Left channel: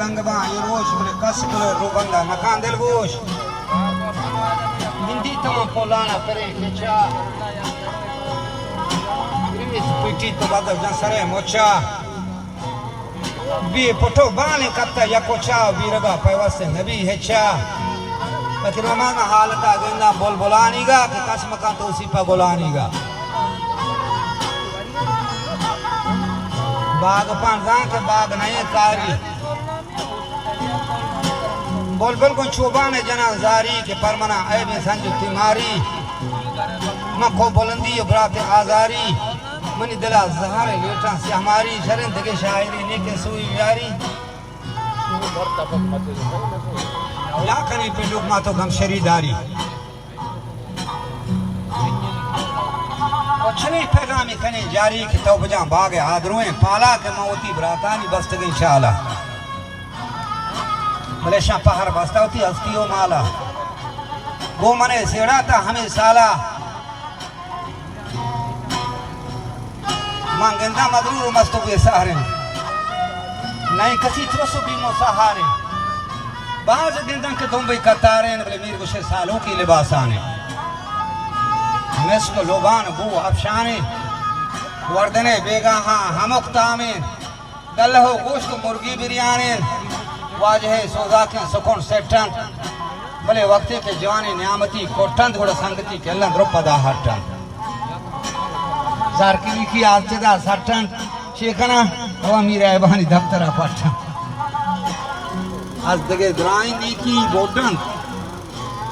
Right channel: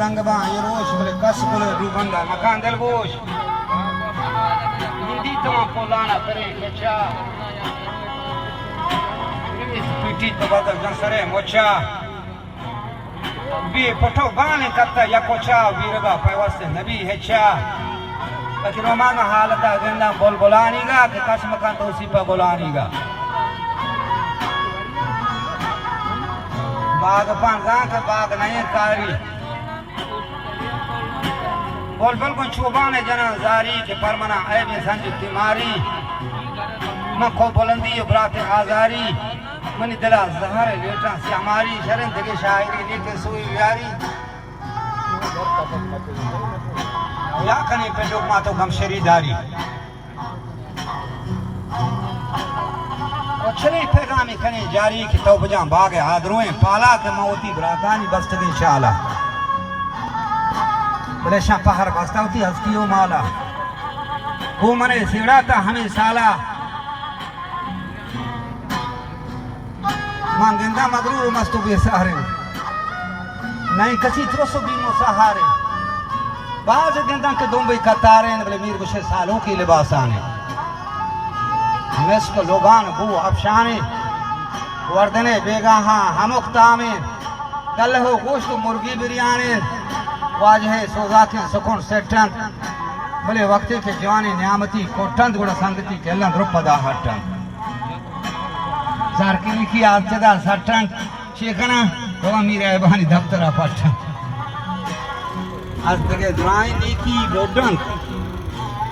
रंगबा यरोश बले कसकुल रुबंदा नकान दिल गोश हिंदी तो पोलाना परे केचा इस पिटी तो बात जंसरे मोचा बी पोटो बाने कत्ता याकोचा वीरबा पैवासे नबी हेचा बाकी रोमाना हालता गंदा बोलबोलानीगा के कसम का तौसीफा बोलानीगा बाग पांडा के बाग नहीं कारी बोल को चुबाने जना जारी के परमना ऐब संजू तिमारी न को बुलंदी इब्रात आजारी मनी दिला जहर लेटा से हमारी शरण दगे शायरी ने के सुई यारी या कने पे लोग मातो गम शरीदारी अच्छे पैगाम कने जारी की तौबजा बाग आदरों पाला के मौती बरातानी बस्तगी शाला बलेशा पहर बस्तावती हस्तियों माला वो मने सेड़ा था हमें साला मांगेंदा मदरूर मस्तो भी सहारे नहीं किसी त्रोसो भी सहारे बाज गेंदा के दुबई कतारे बले मीर गुशे सालों की लिबास आने मिस्क लोबान बू अफशाने वर्दने बेगाहा हमुक्तामे दल हो गोश्त मुर्गी बिरयानी वाजह सोजा के सुकून सेठन भले वक्त के जवानी नियामती कोठन गुड़ संगति के लन रुपदा हटन सारकी की आंचदा सटन शेखना ओ मीरा बहानी दफ्तरा पटन आज दगे ग्रानी दी की बोडन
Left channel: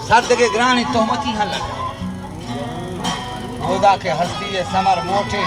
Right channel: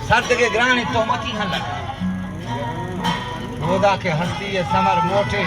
सर दगे ग्रानी तो मती हल खुदा के हस्ती समर मोटे